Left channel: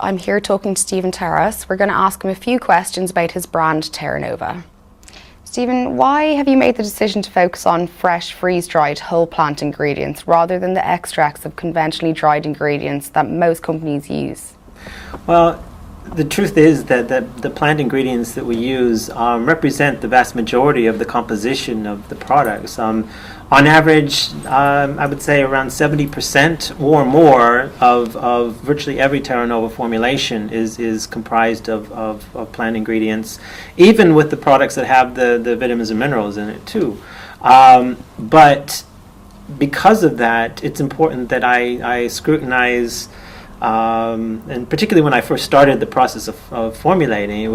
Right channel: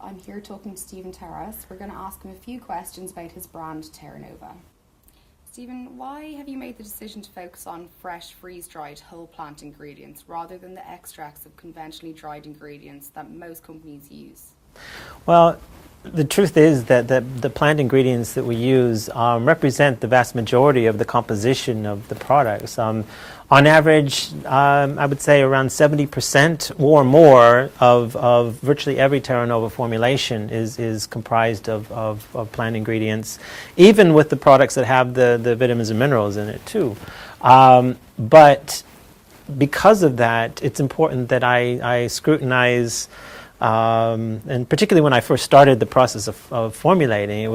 I'm here talking to Stephen Terrass. We're going to ask him a few questions about his brand Terra Nova. Stephen, why have you made the decision to focus on fresh, freeze-dried, whole plant ingredients rather than the extracts of conventionally dried ingredients that most companies use? Well, the truth is that the plant ingredients that we use represent the vast majority of the composition of the products. On average, I would say around 70% or more of virtually every Terra Nova formulation is comprised of plant ingredients, even with the products that have the vitamins and minerals in it too. But because of that, it's important that I scrutinize. And particularly when I first started the process of formulating, it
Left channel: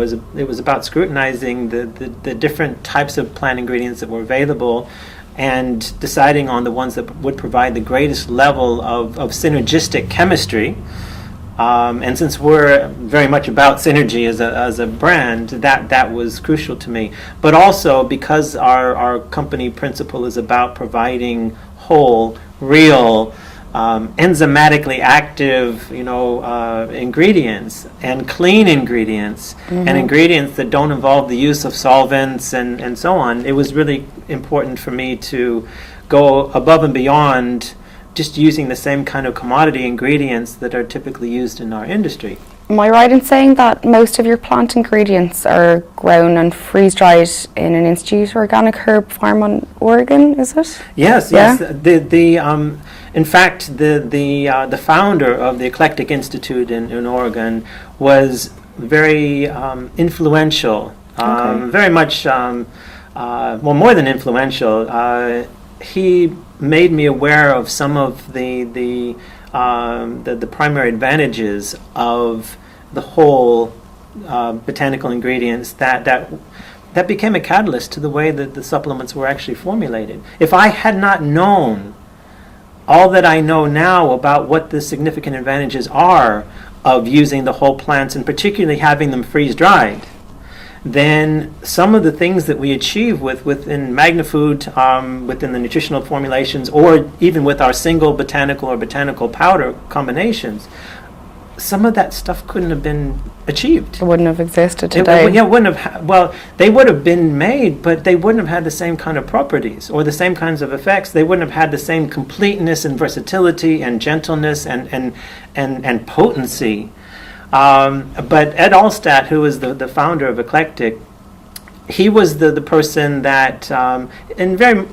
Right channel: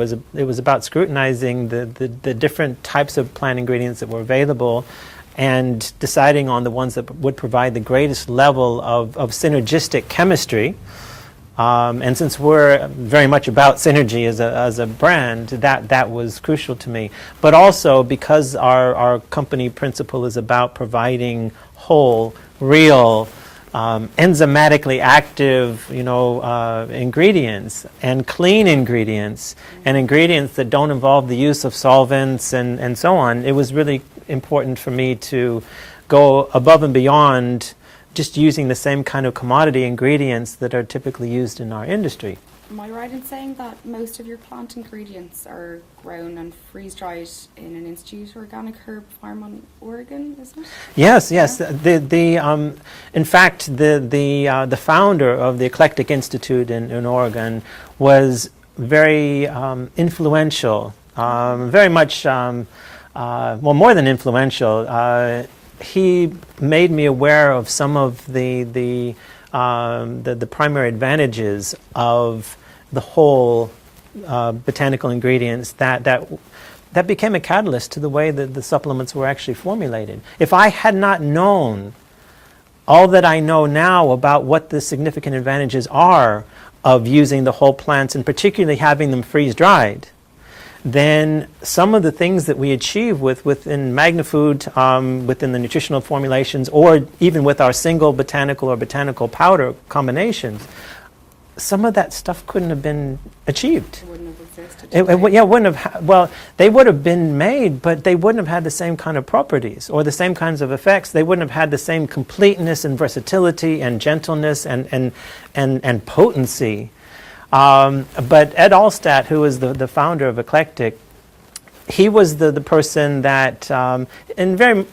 was about scrutinizing the different types of plant ingredients that were available and deciding on the ones that would provide the greatest level of synergistic chemistry. And since we're very much about synergy as a brand, that was crucial to me. But also because our company principle is about providing whole, real, enzymatically active, ingredients and clean ingredients, and ingredients that don't involve the use of solvents and so on. It was really important for me to go above and beyond just using the same kind of commodity ingredients that are typically used in our industry. Am I right in saying that most of your plant ingredients are grown and freeze-dried in an institute organic herb farm in Oregon, is it? Yes. In fact, the founder of the Eclectic Institute in Oregon was very influential, very much, more than influential. He made me aware of some of the primary advantages of the whole botanical ingredients that became a catalyst to the way that the supplements were actually formulated. If I had not known all that I know now about what the significant advantages are of using the whole plants, and particularly having them freeze-dried, then some of the things that we achieve within MagnaFood, within the nutritional formulations, or even with our single botanical or botanical powder combinations, some of that stuff couldn't have been achieved. It wouldn't have existed today. They would have been made, but they wouldn't have had the same kind of properties or the same kinds of effects. They wouldn't have had the same completeness and versatility and gentleness and potency. But Ed Alstat, who is the founder of Eclectic, he was the person that,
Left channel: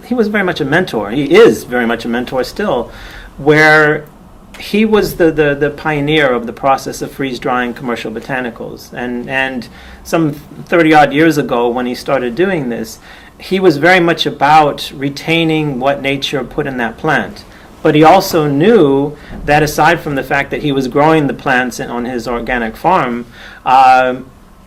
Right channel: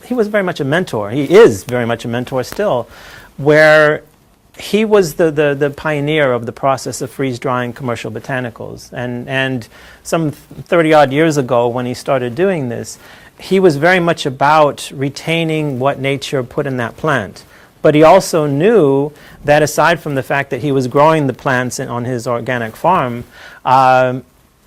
he was very much a mentor. He is very much a mentor still, where he was the pioneer of the process of freeze-drying commercial botanicals. And some 30-odd years ago, when he started doing this, he was very much about retaining what nature put in that plant. But he also knew that aside from the fact that he was growing the plants on his organic farm,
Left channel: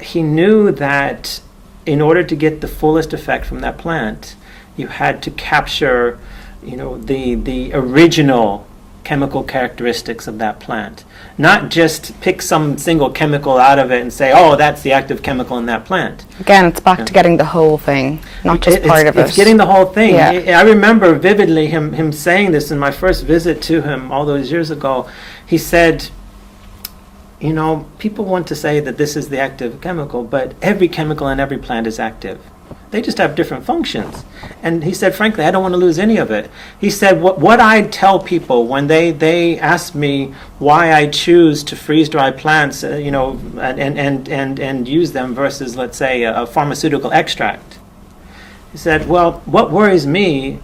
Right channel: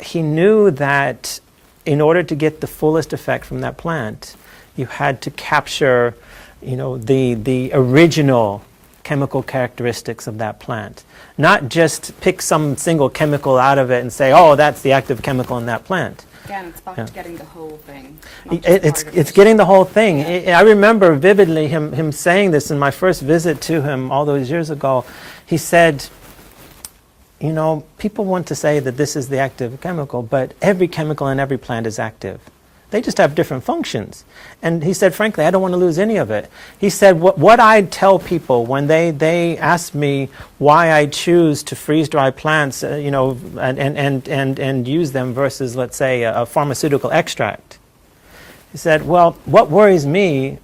he knew that in order to get the fullest effect from that plant, you had to capture, the original chemical characteristics of that plant. Not just pick some single chemical out of it and say, oh, that's the active chemical in that plant. Again, it's back to getting the whole thing, not just part of it. It's getting the whole thing. Yeah. I remember vividly him saying this in my first visit to him all those years ago. He said, people want to say that this is the active chemical, but every chemical in every plant is active. They just have different functions. And he said, frankly, I don't want to lose any of it. He said, what I tell people when they ask me why I choose to freeze-dry plants, and use them versus, let's say, a pharmaceutical extract. He said, well, what worries me,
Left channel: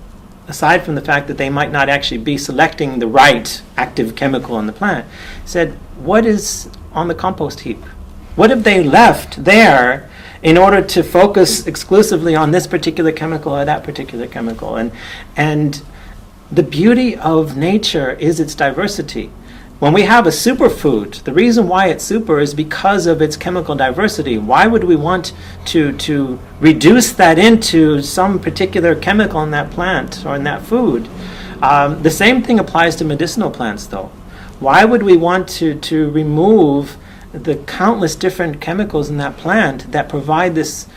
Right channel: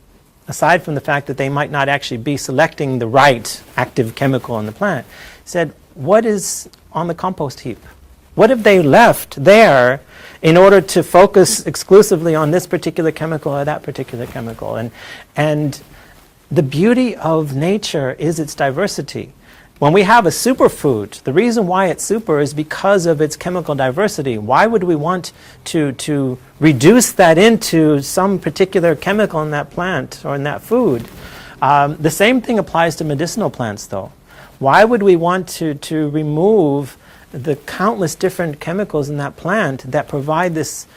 aside from the fact that they might not actually be selecting the right active chemical in the plant, he said, what is on the compost heap? What if they left there in order to focus exclusively on this particular chemical or that particular chemical? And the beauty of nature is its diversity. When we have a superfood, the reason why it's super is because of its chemical diversity. Why would we want to reduce that into some particular chemical in that plant or in that food? The same thing applies to medicinal plants, though. Why would we want to remove the countless different chemicals in that plant that provide this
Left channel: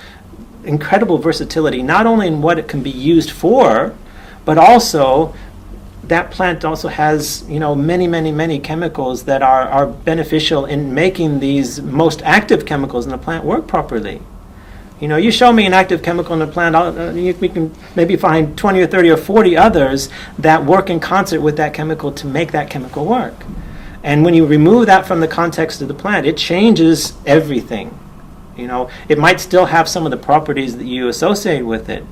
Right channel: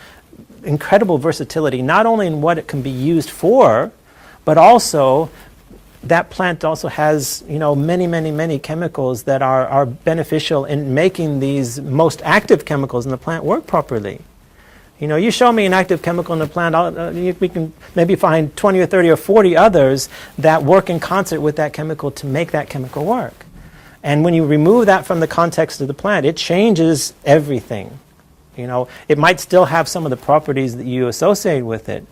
incredible versatility, not only in what it can be used for, but also that plant also has, many, many, many chemicals that are beneficial in making these most active chemicals in the plant work properly. You show me an active chemical in the plant, we can maybe find 20 or 30 or 40 others that work in concert with that chemical to make that chemical work. And when you remove that from the context of the plant, it changes everything. It might still have some of the properties that you associate with it,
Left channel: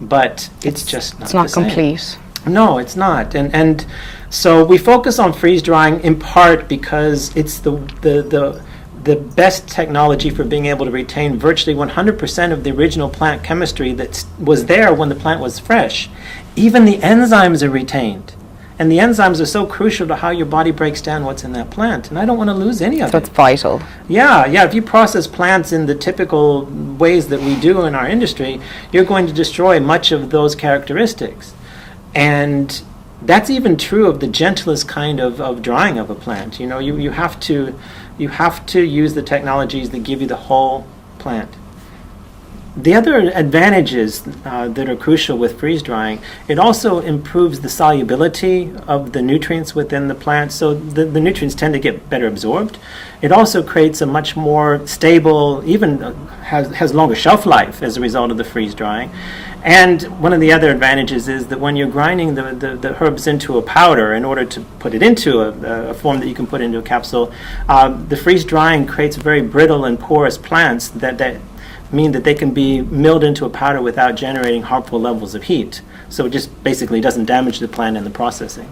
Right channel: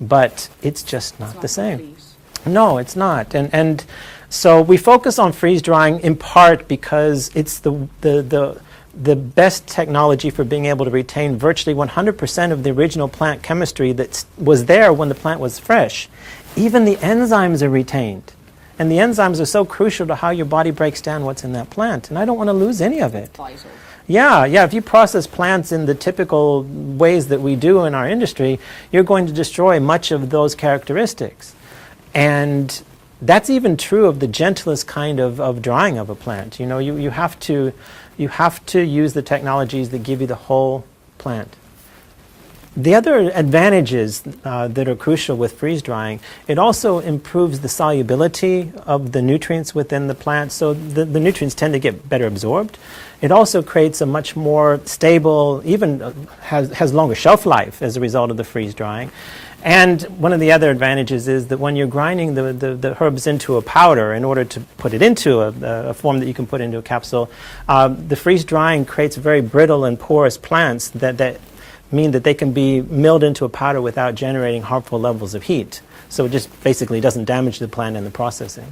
but it's just not the same. It's not complete. No, it's not. And so we focus on freeze drying in part because it's the best technology for being able to retain virtually 100% of the original plant chemistry that was there when the plant was fresh. Even the enzymes are retained. And the enzymes are so crucial to how your body breaks down what's in that plant. And I don't want to lose any of it. That's vital. Yeah. If you process plants in the typical ways that we do in our industry, you're going to destroy much of those characteristics. And that's even true of the gentlest kind of drying of a plant. You have to use the technologies that give you the whole plant. The other advantages that are crucial with freeze drying, it also improves the solubility of the nutrients within the plant, so the nutrients tend to get better absorbed. It also creates a much more stable, even has longer shelf life as a result of the freeze drying. And one of the other advantages is that when you're grinding the herbs into a powder in order to put it into a form that you can put into a capsule, the freeze drying creates very brittle and porous plants that mean that they can be milled into a powder without generating harmful levels of heat. So it just basically doesn't damage the plant in the processing.